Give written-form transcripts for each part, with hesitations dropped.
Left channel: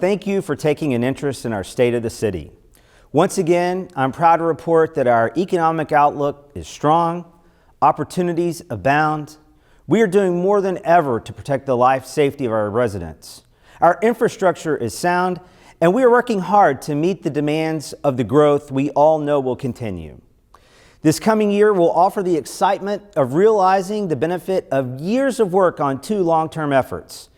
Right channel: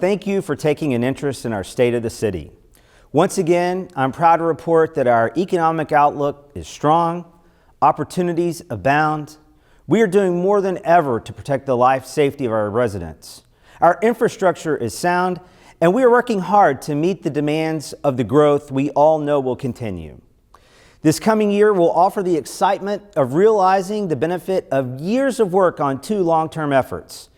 thank you for taking an interest in our state of the city. Once again, I'm proud to report that our economic outlook is strong, opportunities abound. We are doing more than ever to protect the life safety of our residents. Our infrastructure is sound, and we are working hard to meet the demands of the growth we all know will continue. This coming year will offer the excitement of realizing the benefit of years of work on two long-term efforts:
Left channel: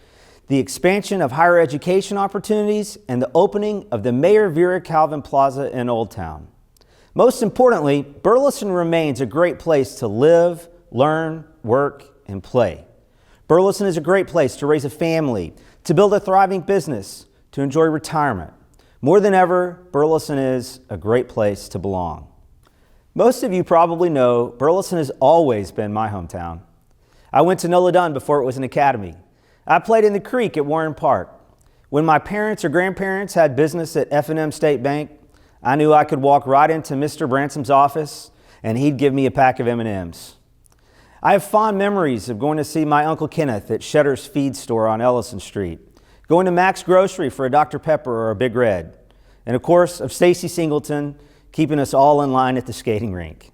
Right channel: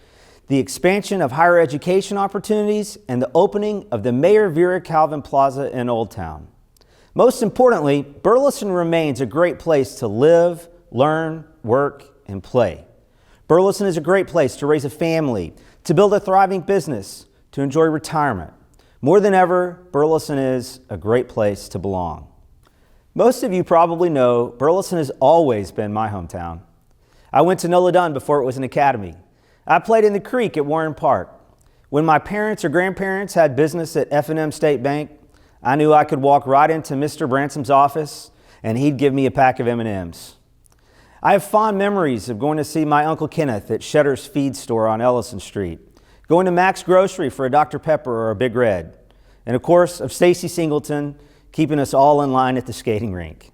the expansion of higher education opportunities and the opening of the Mayor Vera Calvin Plaza in Old Town. Most importantly, Burleson remains a great place to live, learn, work, and play. Burleson is a great place to raise a family, to build a thriving business, to enjoy retirement. More than ever, Burleson is a great place to belong. Most of you probably know Burleson has always been my hometown. I went to Nola Dunn before it was an academy. I played in the creek at Warren Park. When my parents or grandparents had business at F&M State Bank, I knew I could walk right into Mr. Bransom's office and he'd give me a pack of M&Ms. I have fond memories of going to see my Uncle Kenneth at Shetter's Feed Store on Ellison Street, going to Mac's Grocery for a Dr. Pepper or a Big Red, and of course of Stacy Singleton keeping us all in line at the skating rink.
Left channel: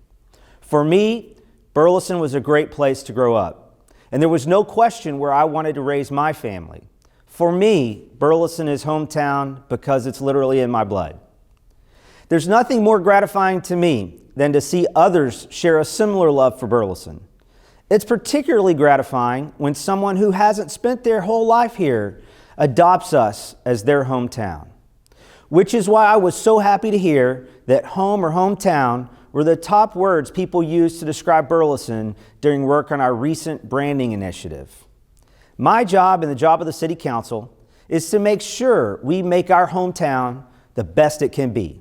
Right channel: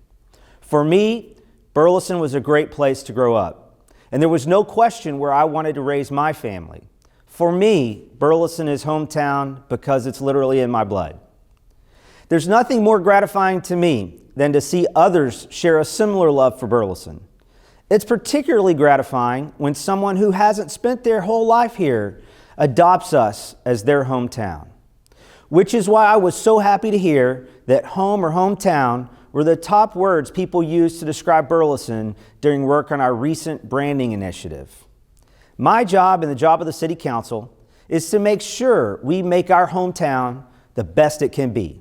For me, Burleson was a great place to grow up, and there was no question where I wanted to raise my family. For me, Burleson is hometown because it's literally in my blood. There's nothing more gratifying to me than to see others share a similar love for Burleson. It's particularly gratifying when someone who hasn't spent their whole life here adopts us as their hometown. Which is why I was so happy to hear that home or hometown were the top words people used to describe Burleson during work on our recent branding initiative. My job and the job of the City Council is to make sure we make our hometown the best it can be.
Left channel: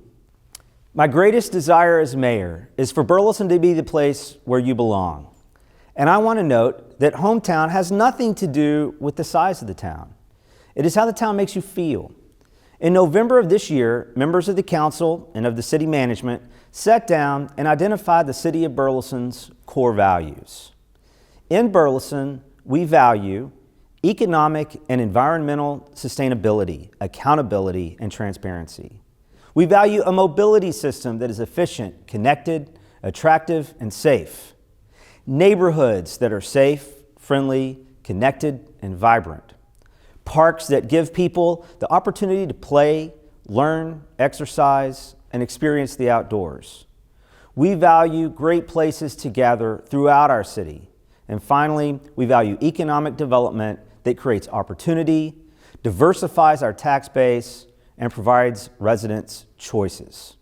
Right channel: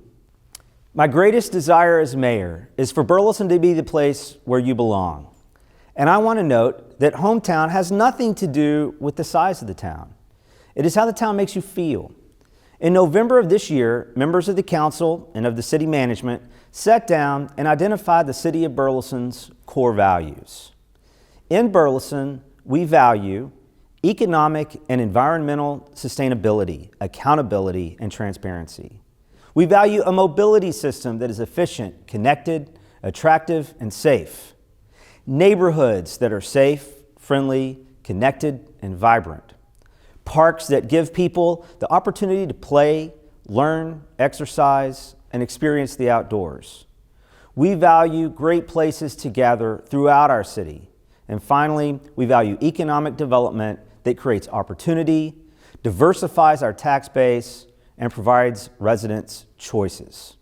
My greatest desire as mayor is for Burleson to be the place where you belong. And I want to note that hometown has nothing to do with the size of the town. It is how the town makes you feel. In November of this year, members of the council and of the city management sat down and identified the city of Burleson's core values. In Burleson, we value economic and environmental sustainability, accountability, and transparency. We value a mobility system that is efficient, connected, attractive, and safe. Neighborhoods that are safe, friendly, connected, and vibrant. Parks that give people the opportunity to play, learn, exercise, and experience the outdoors. We value great places to gather throughout our city. And finally, we value economic development that creates opportunity, diversifies our tax base, and provides residents choices.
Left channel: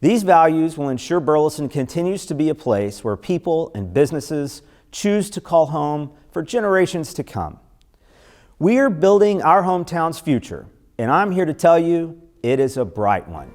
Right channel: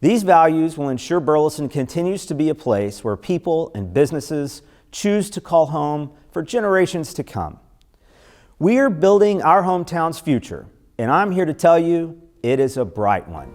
These values will ensure Burleson continues to be a place where people and businesses choose to call home for generations to come. We are building our hometown's future, and I'm here to tell you it is a bright one.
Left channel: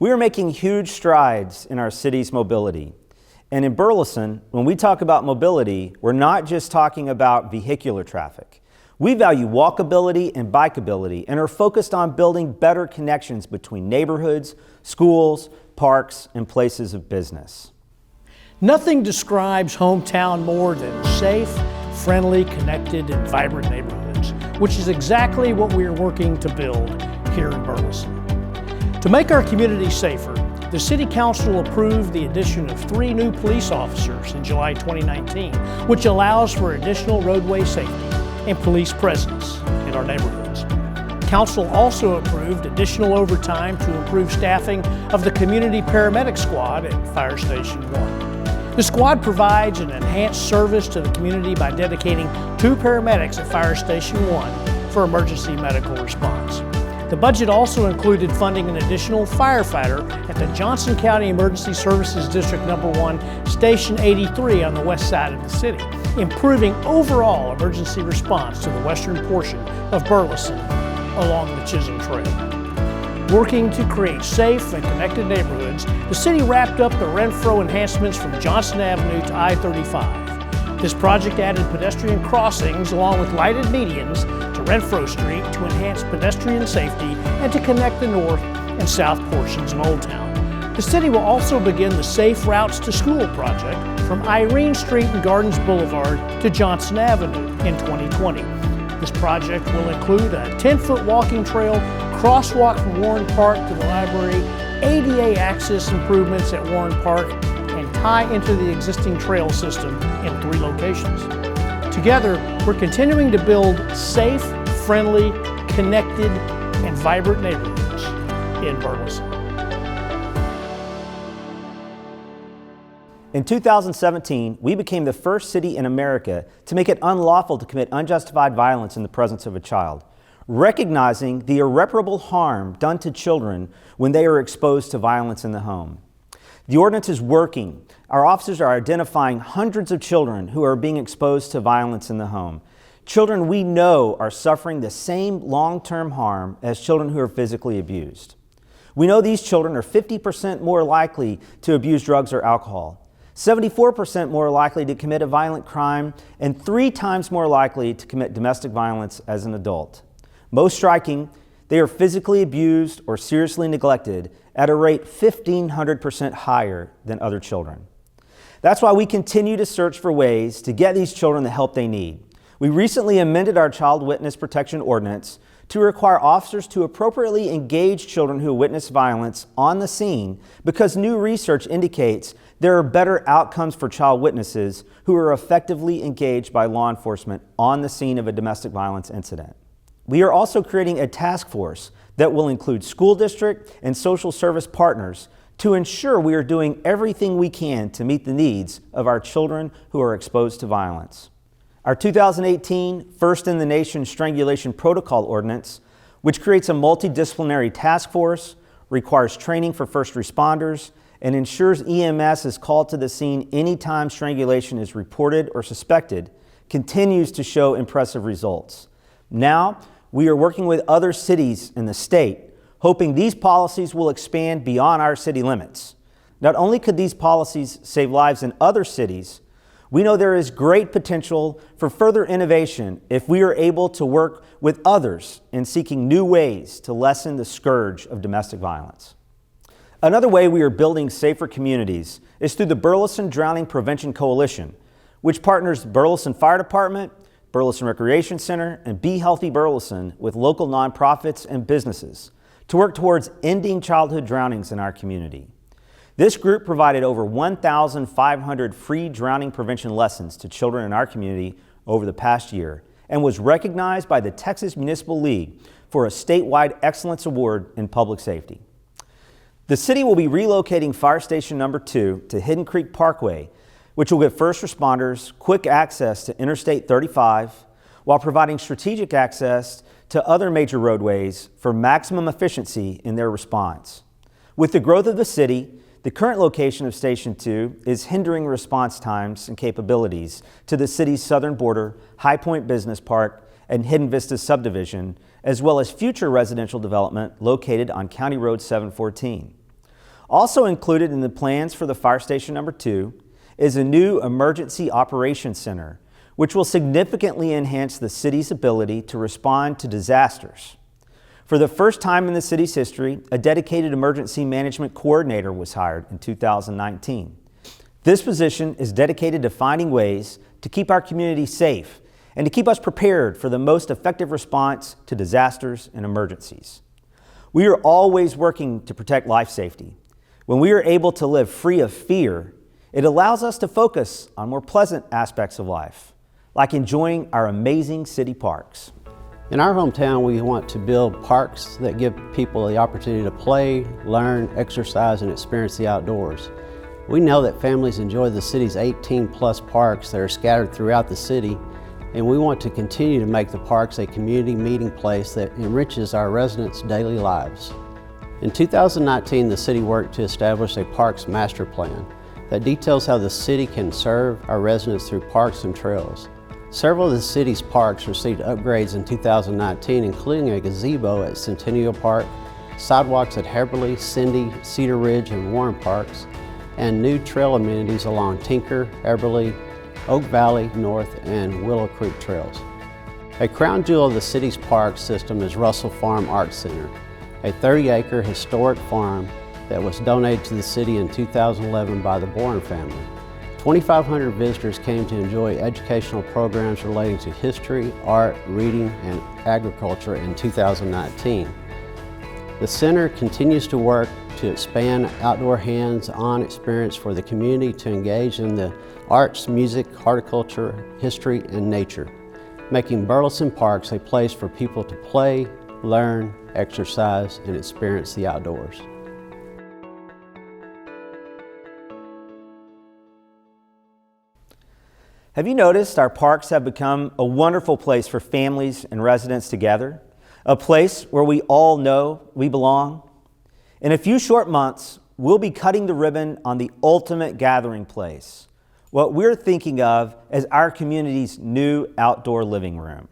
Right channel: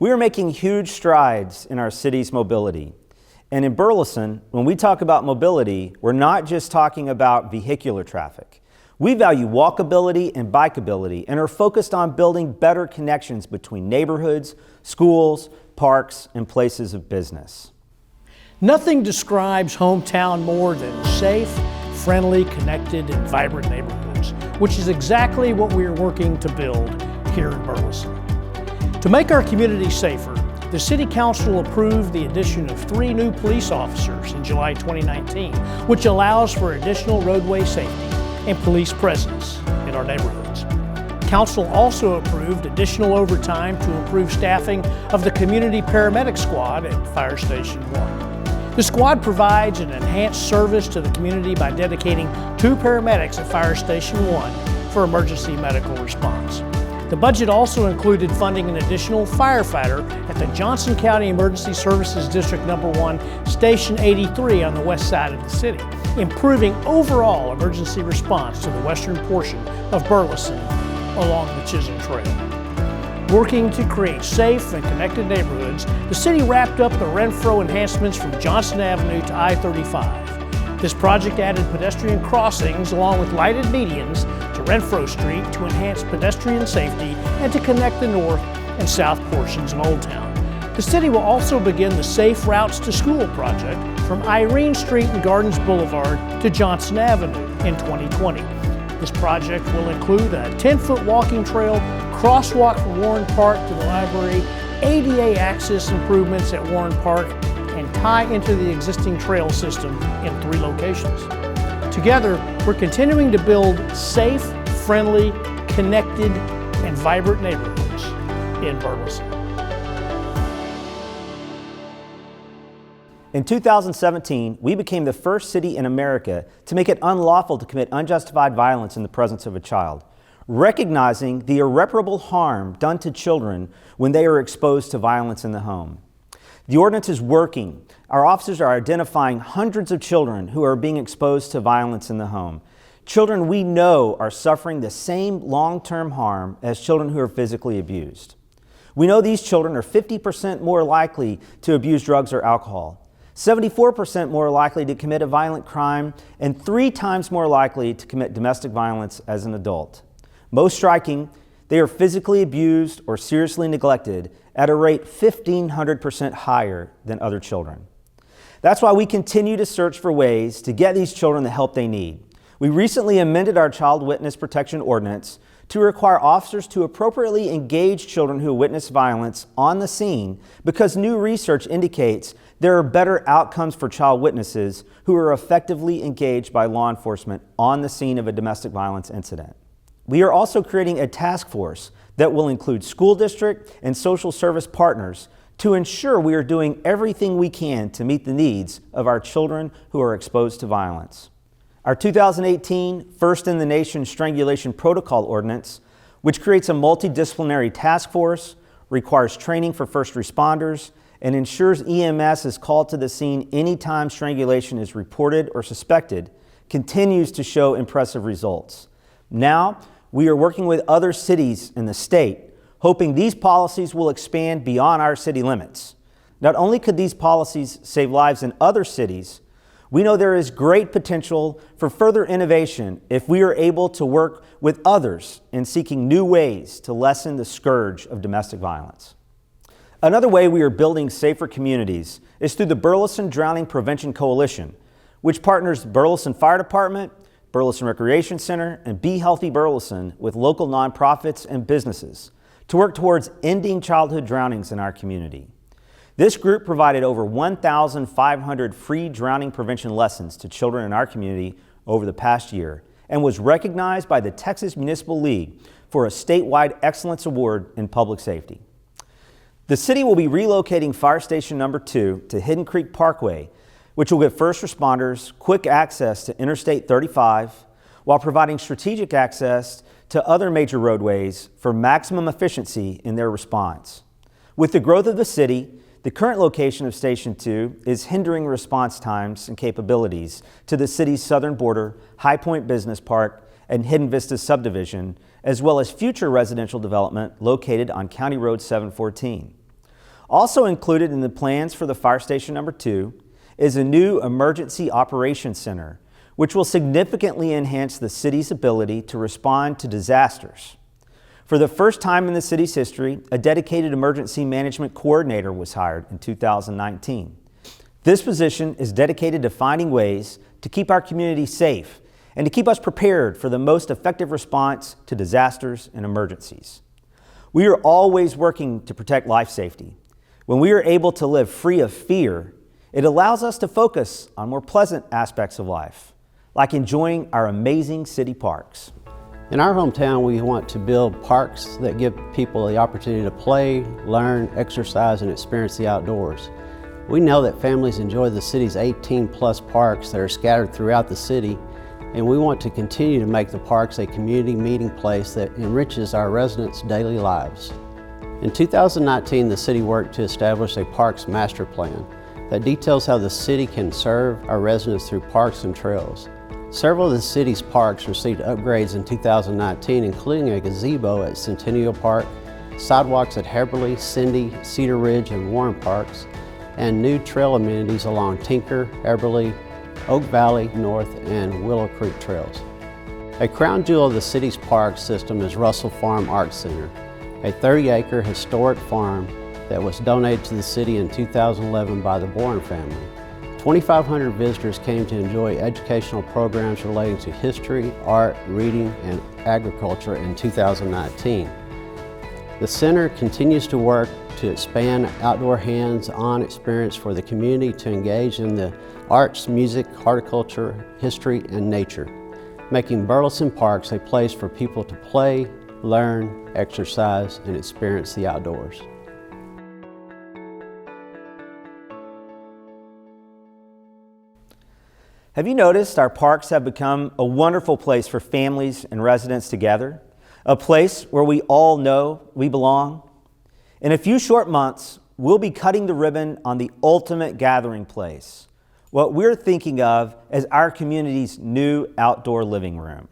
We are making huge strides in our city's mobility. And in Burleson, when we talk about mobility, we're not just talking about vehicular traffic. We value walkability and bikeability and are focused on building better connections between neighborhoods, schools, parks, and places of business. Nothing describes hometown more than safe, friendly, connected, and vibrant neighborhoods, which is exactly what we are working to build here in Burleson. To make our community safer, the City Council approved the addition of 3 new police officers in July 2019, which allows for additional roadway safety and police presence in our neighborhoods. Council also approved additional overtime to improve staffing of the Community Paramedic Squad at Fire Station 1. The squad provides an enhanced service to the community by dedicating 2 paramedics at Fire Station 1 for emergency medical response. The budget also included funding an additional firefighter at the Johnson County Emergency Services District No. 1, Station 83 on the west side of the city, improving overall emergency response to the western portion of Burleson along the Chisholm Trail. Working to create safe and connected neighborhoods, the city wrapped up the Renfro enhancements from Johnson Avenue to I-35. This project added pedestrian crossings along with lighted medians to Renfro Street to enhance pedestrian safety and to connect the north and south portions of Old Town. The city will also begin the Safe Routes to School project from Irene Street and Gardens Boulevard to Johnson Avenue in 2020. This project will include a 10-foot walking trail, crosswalk from Warren Park to the library, ADA access improvements at Warren Park, and tie into the existing trail system in 3 locations. Together, we're continuing to build safe, friendly, connected, and vibrant neighborhoods in Burleson. In 2017, we became the first city in America to make it unlawful to commit unjustified violence in the presence of a child, recognizing the irreparable harm done to children when they are exposed to violence in the home. The ordinance is working. Our officers are identifying hundreds of children who are being exposed to violence in the home. Children we know are suffering the same long-term harm as children who are physically abused. We know these children are 50% more likely to abuse drugs or alcohol, 74% more likely to commit a violent crime, and 3 times more likely to commit domestic violence as an adult. Most striking, they are physically abused or seriously neglected at a rate 1,500% higher than other children. That's why we continue to search for ways to get these children the help they need. We recently amended our Child Witness Protection Ordinance to require officers to appropriately engage children who witness violence on the scene because new research indicates there are better outcomes for child witnesses who are effectively engaged by law enforcement on the scene of a domestic violence incident. We are also creating a task force that will include school district and social service partners to ensure we are doing everything we can to meet the needs of our children who are exposed to violence. Our 2018 First in the Nation Strangulation Protocol Ordinance, which creates a multidisciplinary task force, requires training for first responders, and ensures EMS is called to the scene anytime strangulation is reported or suspected, continues to show impressive results. Now, we are working with other cities in the state, hoping these policies will expand beyond our city limits. Not only could these policies save lives in other cities, we know there is great potential for further innovation if we are able to work with others in seeking new ways to lessen the scourge of domestic violence. Another way we are building safer communities is through the Burleson Drowning Prevention Coalition, which partners the Burleson Fire Department, Burleson Recreation Center, and Be Healthy Burleson with local nonprofits and businesses to work towards ending childhood drownings in our community. This group provided over 1,500 free drowning prevention lessons to children in our community over the past year and was recognized by the Texas Municipal League for a statewide excellence award in public safety. The city will be relocating Fire Station Number 2 to Hidden Creek Parkway, which will give first responders quick access to Interstate 35 while providing strategic access to other major roadways for maximum efficiency in their response. With the growth of the city, the current location of Station 2 is hindering response times and capabilities to the city's southern border, High Point Business Park, and Hidden Vista subdivision, as well as future residential development located on County Road 714. Also included in the plans for the Fire Station number 2 is a new Emergency Operations Center, which will significantly enhance the city's ability to respond to disasters. For the first time in the city's history, a dedicated emergency management coordinator was hired in 2019. This position is dedicated to finding ways to keep our community safe and to keep us prepared for the most effective response to disasters and emergencies. We are always working to protect life safety. When we are able to live free of fear, it allows us to focus on more pleasant aspects of life, like enjoying our amazing city parks. Have you noticed our parks have become a wonderful place for families and residents to gather? A place where we all know we belong? In a few short months, we'll be cutting the ribbon on the ultimate gathering place, what we're thinking of as our community's new outdoor living room.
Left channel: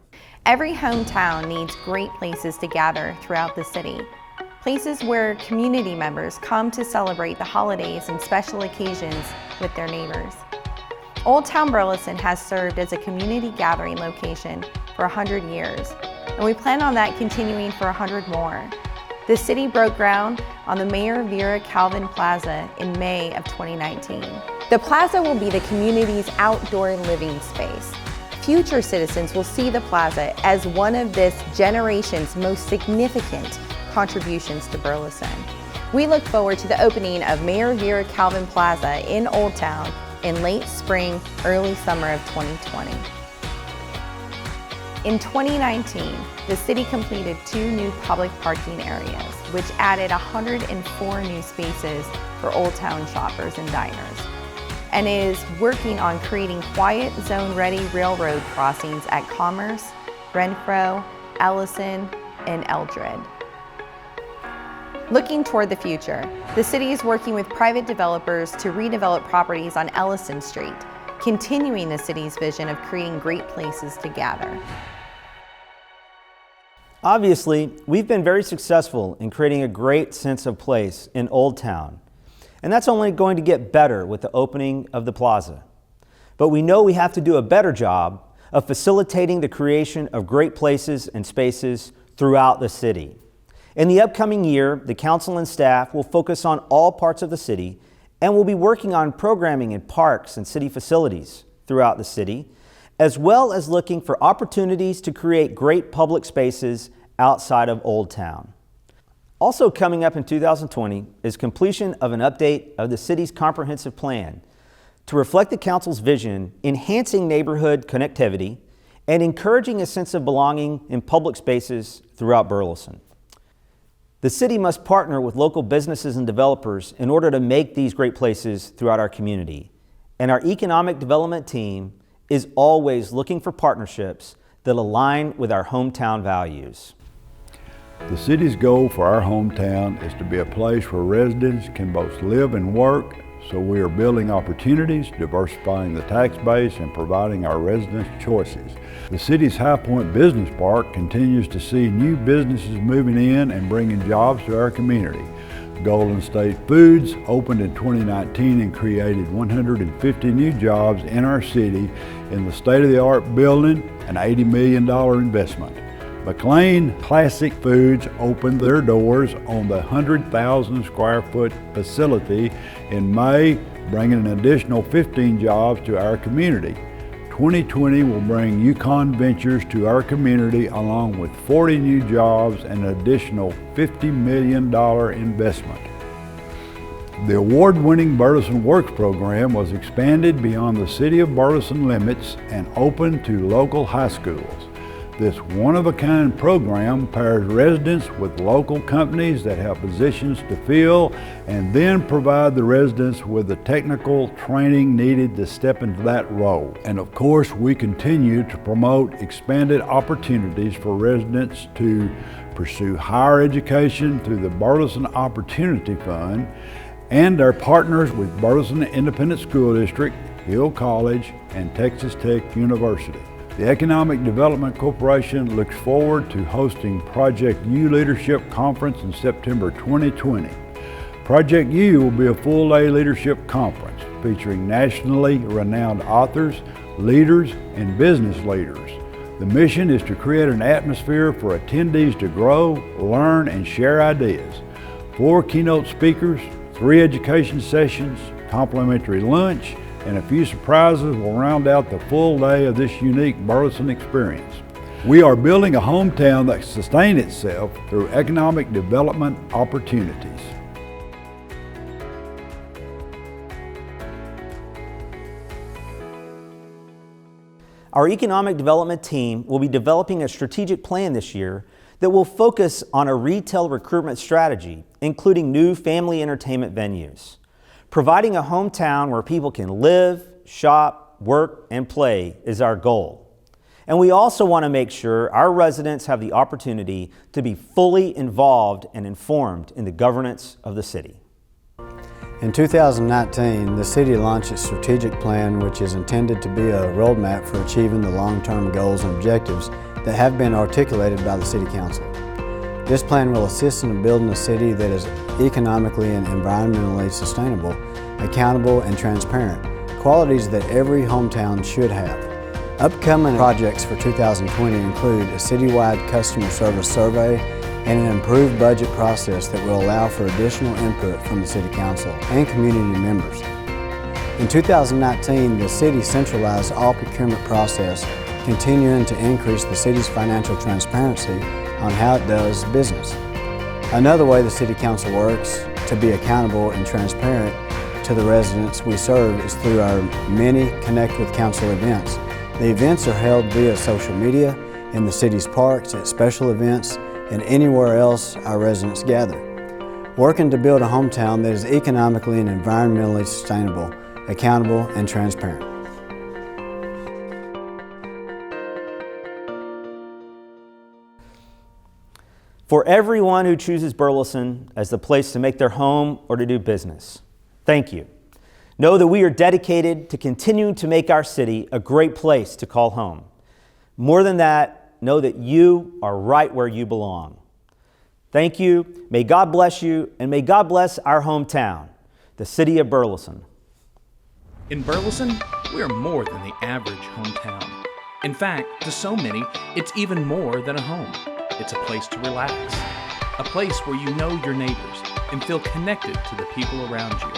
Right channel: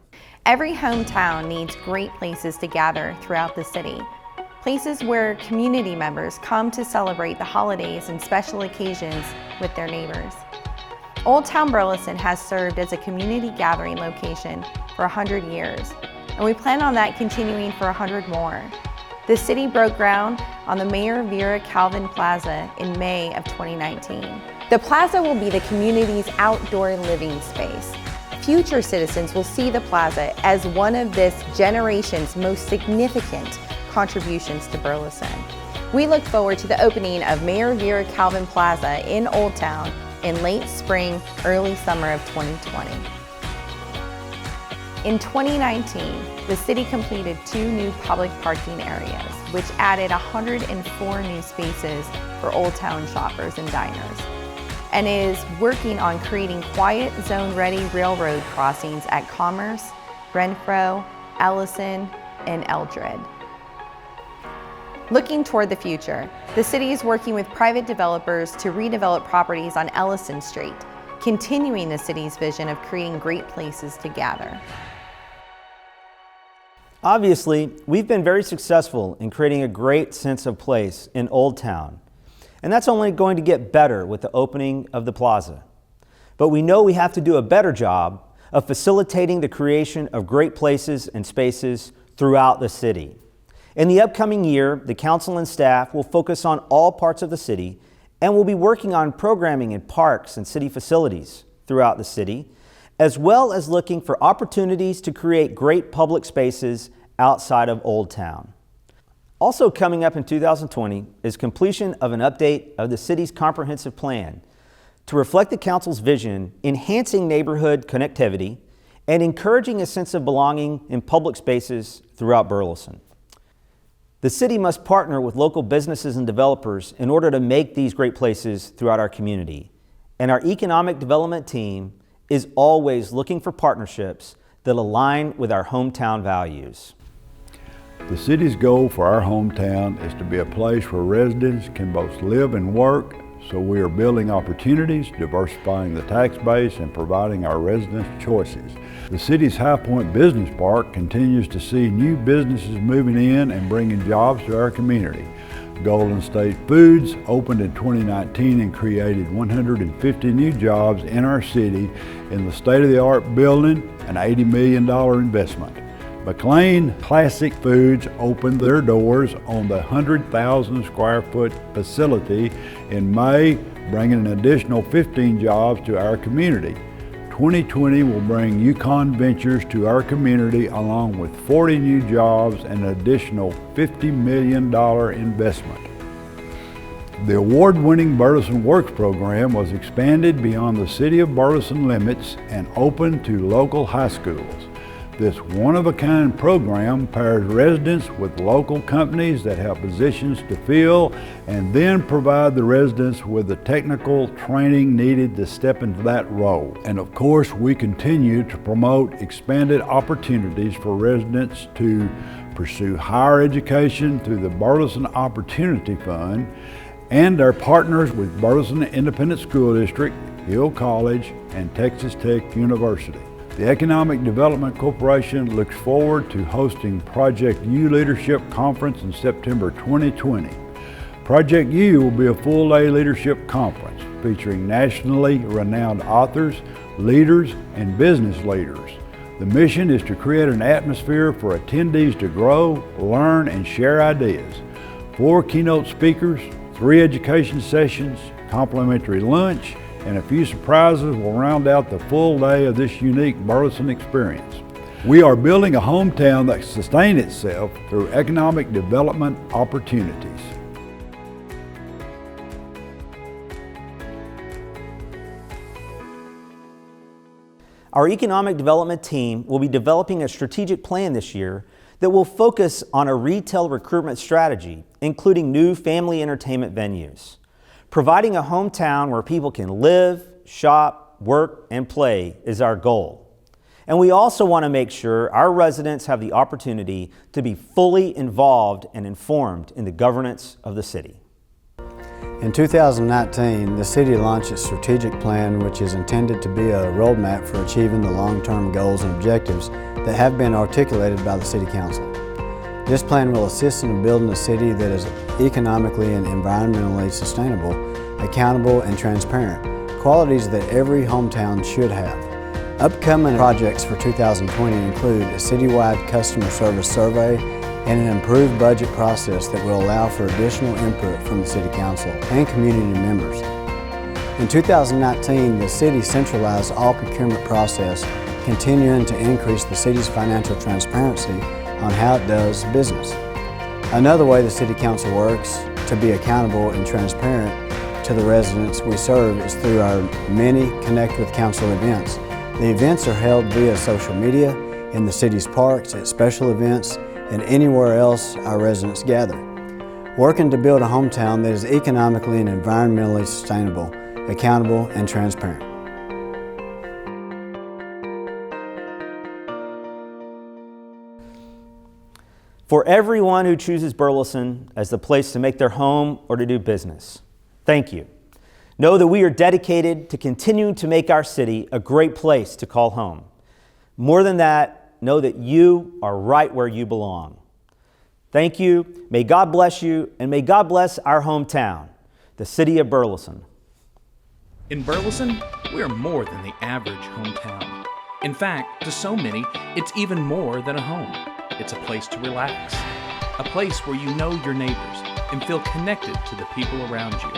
Obviously, we've been very successful in creating a great sense of place in Old Town, and that's only going to get better with the opening of the plaza. But we know we have to do a better job of facilitating the creation of great places and spaces throughout the city. In the upcoming year, the council and staff will focus on all parts of the city and will be working on programming in parks and city facilities throughout the city, as well as looking for opportunities to create great public spaces outside of Old Town. Also coming up in 2020 is completion of an update of the city's comprehensive plan to reflect the council's vision, enhancing neighborhood connectivity and encouraging a sense of belonging in public spaces throughout Burleson. The city must partner with local businesses and developers in order to make these great places throughout our community. And our economic development team is always looking for partnerships that align with our hometown values. The city's goal for our hometown is to be a place where residents can both live and work, so we are building opportunities, diversifying the tax base, and providing our residents choices. The city's High Point Business Park continues to see new businesses moving in and bringing jobs to our community. Golden State Foods opened in 2019 and created 150 new jobs in our city in the state-of-the-art building, an $80 million investment. McLean Classic Foods opened their doors on the 100,000 square foot facility in May, bringing an additional 15 jobs to our community. 2020 will bring Yukon Ventures to our community along with 40 new jobs and an additional $50 million investment. The award-winning Burleson Works program was expanded beyond the City of Burleson limits and opened to local high schools. This one-of-a-kind program pairs residents with local companies that have positions to fill and then provide the residents with the technical training needed to step into that role. And of course, we continue to promote expanded opportunities for residents to pursue higher education through the Burleson Opportunity Fund and our partners with Burleson Independent School District, Hill College, and Texas Tech University. The Economic Development Corporation looks forward to hosting Project U Leadership Conference in September 2020. Project U will be a full-day leadership conference featuring nationally renowned authors, leaders, and business leaders. The mission is to create an atmosphere for attendees to grow, learn, and share ideas. 4 keynote speakers, 3 education sessions, complimentary lunch, and a few surprises will round out the full day of this unique Burleson experience. We are building a hometown that sustains itself through economic development opportunities. Our economic development team will be developing a strategic plan this year that will focus on a retail recruitment strategy, including new family entertainment venues. Providing a hometown where people can live, shop, work, and play is our goal. And we also want to make sure our residents have the opportunity to be fully involved and informed in the governance of the city. For everyone who chooses Burleson as the place to make their home or to do business, thank you. Know that we are dedicated to continuing to make our city a great place to call home. More than that, know that you are right where you belong. Thank you, may God bless you, and may God bless our hometown, the city of Burleson. In Burleson, we are more than the average hometown. In fact, to so many, it's even more than a home. It's a place to relax, a place where you know your neighbors and feel connected to the people around you.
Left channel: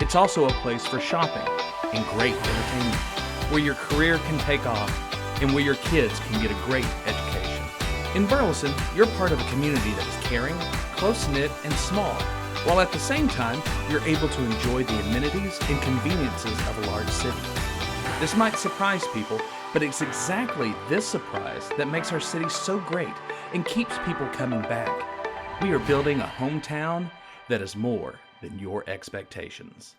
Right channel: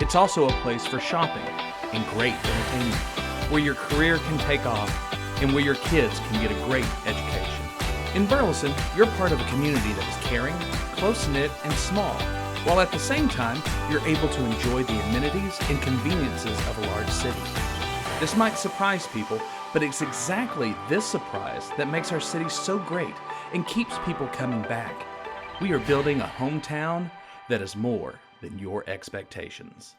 It's also a place for shopping and great entertainment, where your career can take off and where your kids can get a great education. In Burleson, you're part of a community that is caring, close-knit, and small, while at the same time, you're able to enjoy the amenities and conveniences of a large city. This might surprise people, but it's exactly this surprise that makes our city so great and keeps people coming back. We are building a hometown that is more than your expectations.